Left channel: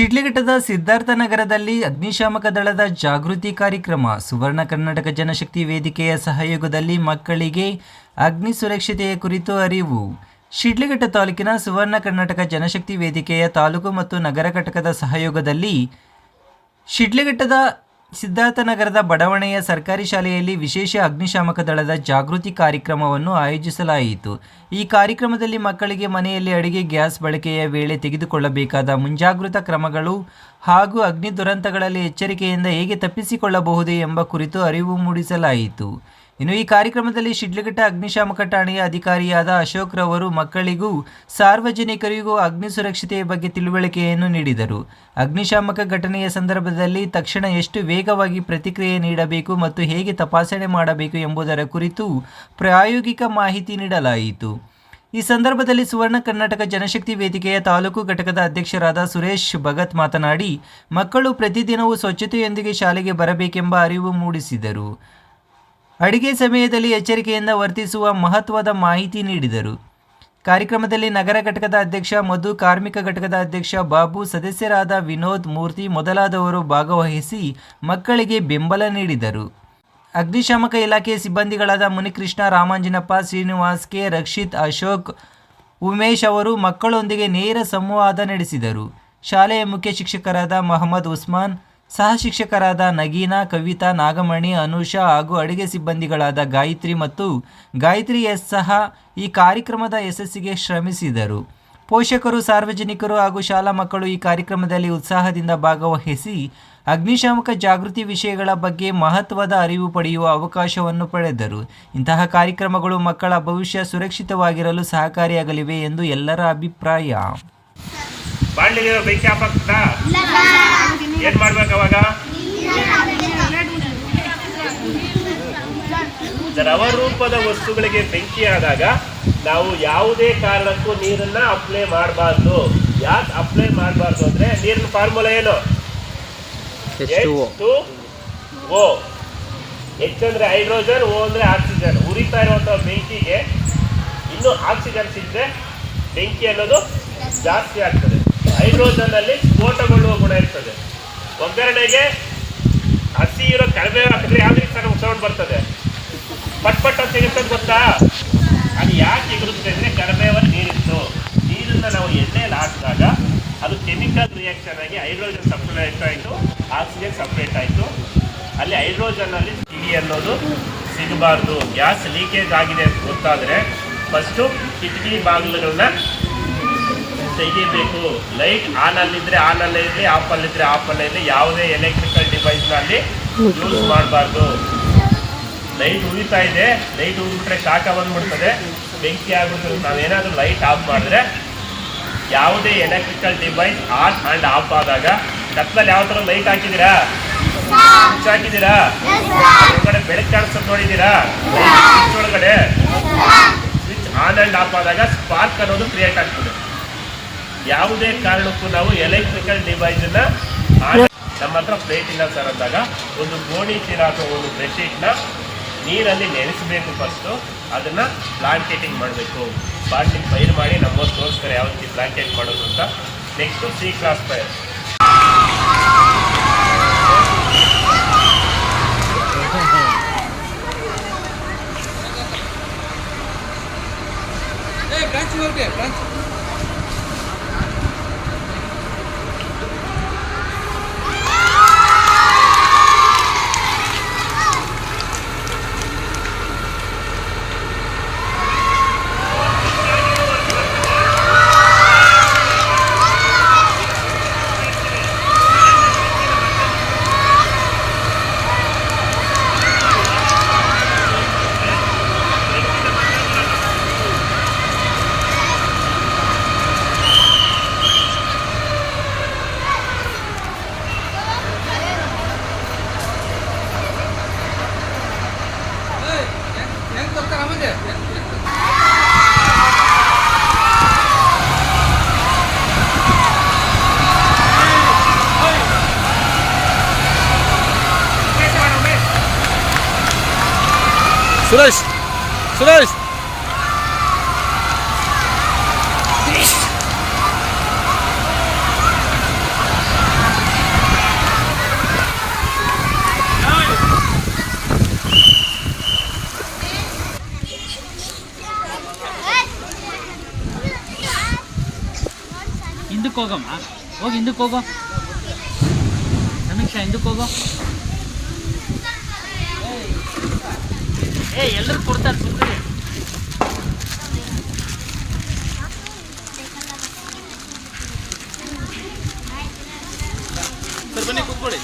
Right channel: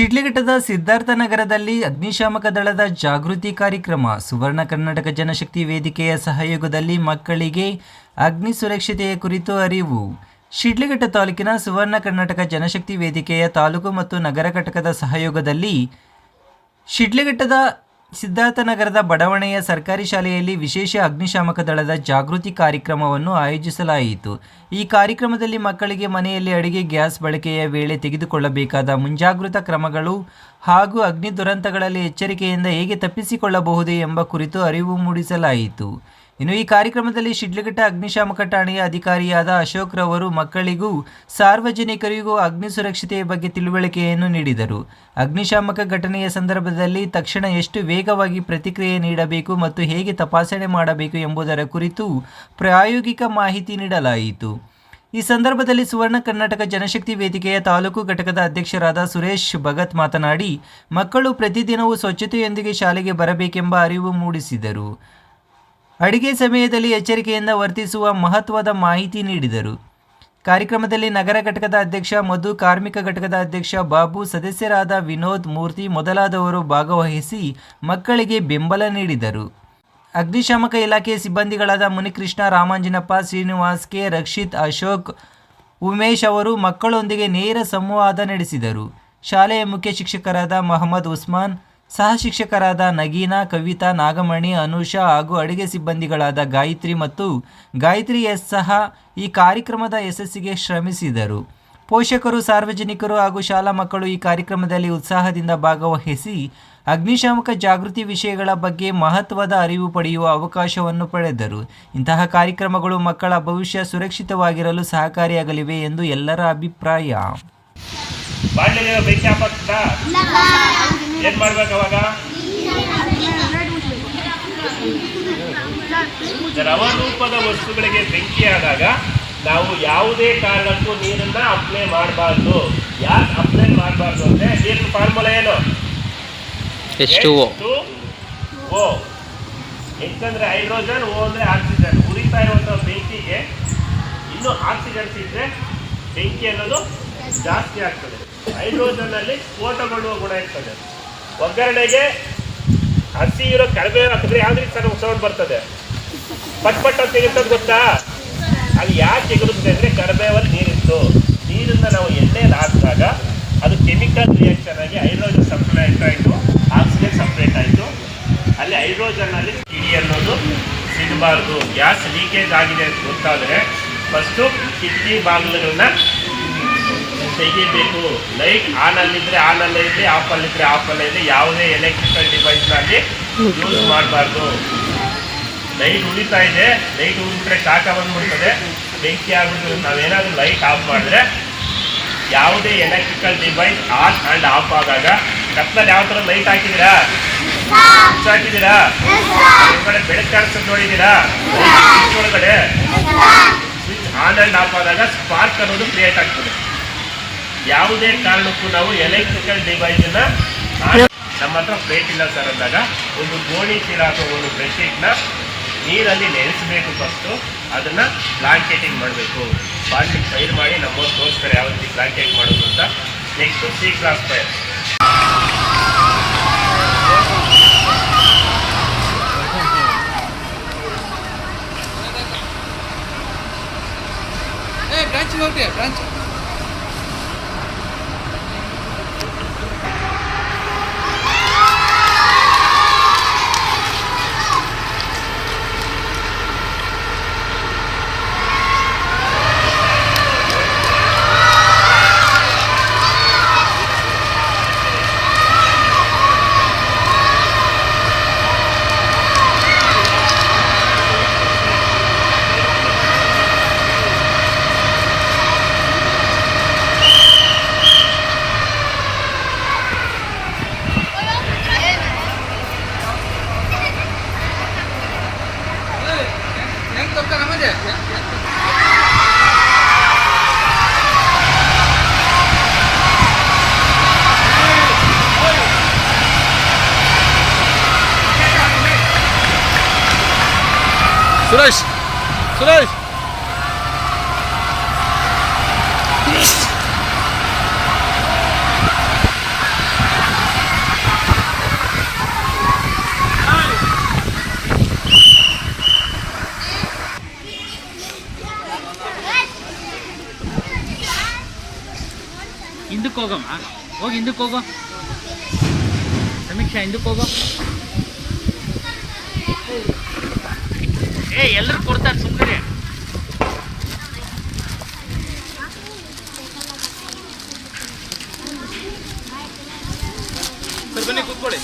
ಶಿಡ್ಲಘಟ್ಟದ ಸಿದ್ಧಾರ್ಥ ನಗರದಲ್ಲಿ ಅಗ್ನಿಶಾಮಕ ದಳದ ಜಾಗೃತಿ ಕಾರ್ಯಕ್ರಮ, ಸುವರ್ಣ ಕರ್ನಾಟಕ ಜನಶಕ್ತಿ ವೇದಿಕೆಯ ಸಹಯೋಗದಲ್ಲಿ ಮಕ್ಕಳಿಗೆ ಅಗ್ನಿ ಸುರಕ್ಷತೆಯ ಕುರಿತು ಅರಿವು. ಶಿಡ್ಲಘಟ್ಟ ತಾಲೂಕಿನ ಸುವರ್ಣ ಕರ್ನಾಟಕ ಜನಶಕ್ತಿ ವೇದಿಕೆಯ ತಾಲೂಕು ಮತ್ತು ನಗರ ಘಟಕದ ಸಹಯೋಗದಲ್ಲಿ ಶಿಡ್ಲಘಟ್ಟದ ಸಿದ್ಧಾರ್ಥ ನಗರದ ಬಡಾವಣೆಯ ಸರ್ಕಾರಿ ಶಾಲೆಯಲ್ಲಿ ವಿಶೇಷ ಅಗ್ನಿಶಾಮಕ ದಳದ ಜಾಗೃತಿ ಕಾರ್ಯಕ್ರಮವನ್ನು ಆಯೋಜಿಸಲಾಯಿತು. ಈ ಕಾರ್ಯಕ್ರಮದಲ್ಲಿ ಮಕ್ಕಳಿಗೆ ಮನೆಯಲ್ಲಿ ಅಡುಗೆ, ಗ್ಯಾಸ್ ಬಳಕೆಯ ವೇಳೆ ತೆಗೆದುಕೊಳ್ಳಬೇಕಾದ ಮುಂಜಾಗೃತಾ ಕ್ರಮಗಳು ಹಾಗೂ ಅಗ್ನಿ ದುರಂತಗಳಲ್ಲಿ ಎಚ್ಚರಿಕೆಯಿಂದ ಹೇಗೆ ತಪ್ಪಿಸಿಕೊಳ್ಳಬಹುದು ಎಂಬ ಕುರಿತು ಅರಿವು ಮೂಡಿಸಲಾಯಿತು. ಇನ್ನು ಈ ಕಾರ್ಯಕ್ರಮದಲ್ಲಿ ಶಿಡ್ಲಘಟ್ಟ ಅಗ್ನಿಶಾಮಕ ಠಾಣೆಯ ಅಧಿಕಾರಿಯಾದ ಅಶೋಕ್ ರವರು ಮಕ್ಕಳಿಗೂ ಸಾರ್ವಜನಿಕರಿಗೂ ಅಗ್ನಿ ಸುರಕ್ಷತೆಯ ಬಗ್ಗೆ ತಿಳುವಳಿಕೆಯನ್ನು ನೀಡಿದರು. ಅಗ್ನಿಶಾಮಕ ಘಟನೆಯ ಸಂದರ್ಭದಲ್ಲಿ ತಕ್ಷಣ ಎಷ್ಟು ವೇಗವಾಗಿ ಪ್ರತಿಕ್ರಿಯೆ ನೀಡಬೇಕು ಮತ್ತು ಹೇಗೆ ತಪಾಸಣೆ ಮಾಡಬೇಕು ಎಂಬುದರ ಕುರಿತು ಪ್ರಾಯೋಗಿಕ ಮಾಹಿತಿ ನೀಡಲಾಯಿತು. ಈ ಸಂದರ್ಭದಲ್ಲಿ ಸುವರ್ಣ ಕರ್ನಾಟಕ ಜನಶಕ್ತಿ ವೇದಿಕೆಯ ತಾಲೂಕು ಘಟಕದ ಅಧ್ಯಕ್ಷರಾದ ಸುರೇಶ್ ಭಗತ್ ಮಾತನಾಡಿ, ಮಕ್ಕಳು ಪ್ರತಿದಿನವೂ ಸ್ವಚ್ಛತೆಯೊಂದಿಗೆ ಶಾಲೆಗೆ ಬರಬೇಕೆಂಬ ಅರಿವು ಮೂಡಿಸಿದರು. ಅಡಿಗೆ ಸಮಯದಲ್ಲಿ ಎಚ್ಚರಿಕೆಯಿಂದ ವರ್ತಿಸುವ ಮಹತ್ವದ ಮಾಹಿತಿ ನೀಡಿದರು. ಕಾರ್ಯಕ್ರಮದಲ್ಲಿ ನಗರ ಘಟಕದ ಅಧ್ಯಕ್ಷ, ಮಧು ಕಾರ್ಮಿಕ ಘಟಕದ ಅಧ್ಯಕ್ಷ, ಬಾಬು ಸದಸ್ಯರಾದ ವಿನೋದ್ ಮೂರ್ತಿ ಮೊದಲಾದವರು ಭಾಗವಹಿಸಿ ಮಕ್ಕಳಿಗೆ ಬೆಂಬಲ ನೀಡಿದರು. ಅಗ್ನಿಶಾಮಕ ಇಲಾಖೆಯ ಸಿಬ್ಬಂದಿಗಳಾದ ಮುನಿಕೃಷ್ಣ, ರಾಮಾಂಜನಪ್ಪ, ಶ್ರೀನಿವಾಸ್ ಕೆ, ರಕ್ಷಿತ್, ಅಶೋಕ್, ಉಮೇಶ್ ಅವರು ಮಕ್ಕಳೊಂದಿಗೆ ನೇರ ಸಂವಾದ ನಡೆಸಿದರು. ಶಾಲೆಯ ಮುಖ್ಯ ಶಿಕ್ಷಕರಾದ ಮೊಹಮ್ಮದ್ ಉಸ್ಮಾನ್ ಸಹ ಶಿಕ್ಷಕರಾದ ನಗೀನಾ, ಕವಿತಾ, ನಾಗಮಣಿ, ಅನುಷಾ ಹಾಗೂ ಅಡುಗೆ ಸಿಬ್ಬಂದಿಗಳಾದ ಗಾಯತ್ರಿ ಮತ್ತು ಗಾಯತ್ರಿ ಎಸ್ ಸಹ ಈ ಕಾರ್ಯಕ್ರಮದ ಯಶಸ್ಸಿಗೆ ಶ್ರಮಿಸಿದರು. ಪೋಷಕರು, ಸಾರ್ವಜನಿಕರು ಹಾಗೂ ಶಾಲಾ ಮಕ್ಕಳು ಈ ಕಾರ್ಯಕ್ರಮದಲ್ಲಿ ಉತ್ಸಾಹದಿಂದ ಭಾಗವಹಿಸಿ ಅಗ್ನಿಶಾಮಕ ಜಾಗೃತಿ ವಿಷಯಗಳ ಬಗ್ಗೆ ಮಹತ್ವದ ಅರಿವು ಪಡೆಯುವ ಅವಕಾಶವನ್ನು ಪಡೆದರು. ಇಂತಹ ಕಾರ್ಯಕ್ರಮಗಳು ಮಕ್ಕಳ ಭವಿಷ್ಯ ಸುರಕ್ಷಿತವಾಗಿರಲು ಸಹಕಾರಿಯಾಗಲಿವೆ ಎಂದು ಎಲ್ಲರ ಅಭಿಪ್ರಾಯ. ಬಾಂಡ್ಲಿಗೆ ಬೆಂಕಿ ಹಾಕತ್ತಾ ಏನ್ ಮಾಡ್ಬೇಕು ಅವಾಗ? ದ್ರವ ರೂಪದ ವಸ್ತುಗಳಿಗೆ ಬೆಂಕಿ ಆದಾಗ ನಾವು ಯಾವುದೇ ಕಾರಣಕ್ಕೂ ನೀರನ್ನ ಅಪ್ಲೈ ಮಾಡಬಾರ್ದು. ಯಾಕೆ ಅಪ್ಲೈ ಮಾಡಬಾರ್ದು ಅಂದ್ರೆ ನೀರಿನ ಫಾರ್ಮುಲಾ ಏನು? ಓ ಎಚ್ ಅಂದ್ರೆ ಹೈಡ್ರೋಜನ್ ಓ ಅಂದ್ರೆ ಆಕ್ಸಿಜನ್ ಉರಿತಾ ಇರುವಂತ ಬೆಂಕಿಗೆ ಇನ್ನು ಆಕ್ಸಿಜನ್ ಸಿಕ್ಕರೆ ಬೆಂಕಿ ಅನ್ನೋದು ಜಾಸ್ತಿ ಆಗ್ತದೆ. ಹೈಡ್ರೋಜನ್ ಅಲ್ಲಿ ಸ್ಫೋಟಗೊಳ್ಳುವ ಗುಣ ಇರ್ತದೆ. ಒಗ್ಗರಣೆಗೆ ಹಸಿ ಇರೋ ಕಡಿಮೆ ಹಾಕಿದ್ರೆ ಯಾವ ರೀತಿ ಸೌಂಡ್ ಬರ್ತದೆ? ಪಟ್ ಪಟ್ ಅಂತ ಇರ್ತದೆ ಗೊತ್ತಾ? ಅದು ಯಾಕೆ ಸಿಗುತ್ತೆ ಅಂದ್ರೆ ಕಡಿಮೆವಲ್ಲಿ ನೀರಿತ್ತು. ನೀರನ್ನ ನಾವು ಎಣ್ಣೆಯಲ್ಲಿ ಹಾಕಿದಾಗ ಅದು ಕೆಮಿಕಲ್ ರಿಯಾಕ್ಷನ್ ಆಗಿ ಹೈಡ್ರೋಜನ್ ಸಪ್ರೇಟ್ ಆಯಿತು ಆಕ್ಸಿಜನ್ ಸಪ್ರೇಟ್ ಆಯಿತು. ಅಲ್ಲಿ ಹೈಡ್ರೋಜನ್ ಅಲ್ಲಿ ಕಿಡಿ ಅನ್ನೋದು ಸಿಗಬಾರ್ದು. ಗ್ಯಾಸ್ ಲೀಕೇಜ್ ಆಗಿದೆ ಅಂತ ಗೊತ್ತಾದರೆ ಫಸ್ಟು ಕಿಟಕಿ ಬಾಗಿಲುಗಳನ್ನ ತೆಗಿಬೇಕು. ಲೈಟ್ ಆನ್ ಅಲ್ಲಿದ್ರೆ ಆನ್ ಅಲ್ಲೇ ಇರಲಿ ಆಫ್ ಅಲ್ಲಿದ್ರೆ ಆಫ್ ಅಲ್ಲೇ ಇರಲಿ, ಯಾವುದೇ ಎಲೆಕ್ಟ್ರಿಕಲ್ ಡಿವೈಸ್ನಲ್ಲಿ ಯೂಸ್ ಮಾಡಬಾರ್ದು. ಲೈಟ್ ಉಳಿತಾ ಇದೆ. ಲೈಟ್ ಉಳಿಬಿಟ್ರೆ ಕಾಕ ಬಂದ್ಬಿಡ್ತದೆ. ಬೆಂಕಿ ಆಗ್ಬಿಡ್ತದೆ. ನಾವೇನಾದ್ರೂ ಲೈಟ್ ಆಫ್ ಮಾಡಿದ್ರೆ ಯಾವುದೇ electrical device on and off ಆದಾಗ ಕತ್ಲಲ್ಲಿ ಯಾವ ಥರ ಲೈಟ್ ಹಾಕಿದ್ದೀರಾ? ಸ್ವಿಚ್ ಹಾಕಿದ್ದೀರಾ? ಒಳಗಡೆ ಬೆಳಕು ಕಾಣಿಸೋದು ನೋಡಿದ್ದೀರಾ? ಸ್ವಿಚ್ ಒಳಗಡೆ. ಸ್ವಿಚ್ ಆನ್ ಆ್ಯಂಡ್ ಆಫ್ ಆದಾಗ ಸ್ಪಾರ್ಕ್ ಅನ್ನೋದು ಕ್ರಿಯೇಟ್ ಆಗ್ತದೆ. ಯಾವುದೇ ಕಾರಣಕ್ಕೂ ನಾವು ಎಲೆಕ್ಟ್ರಿಕಲ್ ಡಿವೈಸನ್ನ ನಮ್ಮ ಹತ್ರ ಪ್ಲೇಟ್ ಇಲ್ಲ ಸರ್ ಅಂದಾಗ ಒಂದು ಗೋಣಿ ಚೀಲ ಅಥವಾ ಒಂದು ಬೆಡ್ಶೀಟ್ನ ನೀರಲ್ಲಿ ನೆನೆಸಬೇಕು ಫಸ್ಟು ಅದನ್ನು ಬ್ಲಾಂಕೆಟಿಂಗ್ ಮಾಡಬೇಕು. ಬಾಟ್ಲಿಗೆ ಫೈರ್ ಮಾಡಿ ನಮ್ಮವ್ರು ತೋರಿಸ್ತಾರೆ ಯಾವ ರೀತಿ ಬ್ಲಾಂಕೆಟ್ ಮಾಡೋದು ಅಂತ. ನೆಕ್ಸ್ಟು ಸಿ ಕ್ಲಾಸ್ ಫೈರ್ スライス。スライス。ಹಿಂದಕ್ಕೆ ಹೋಗಮ್ಮ. ಹೋಗಿ ಹಿಂದಕ್ಕೆ ಹೋಗೋ. ಸಮೀಕ್ಷಾ ಹಿಂದಕ್ಕೆ ಹೋಗೋ. ಏ ಎಲ್ಲರೂ ಕೊಡ್ತಾರೆ ಸುಮ್ಮನೆ ಸರ್ ಬನ್ನಿ ಕೂತ್ಕೊಳ್ಳಿ.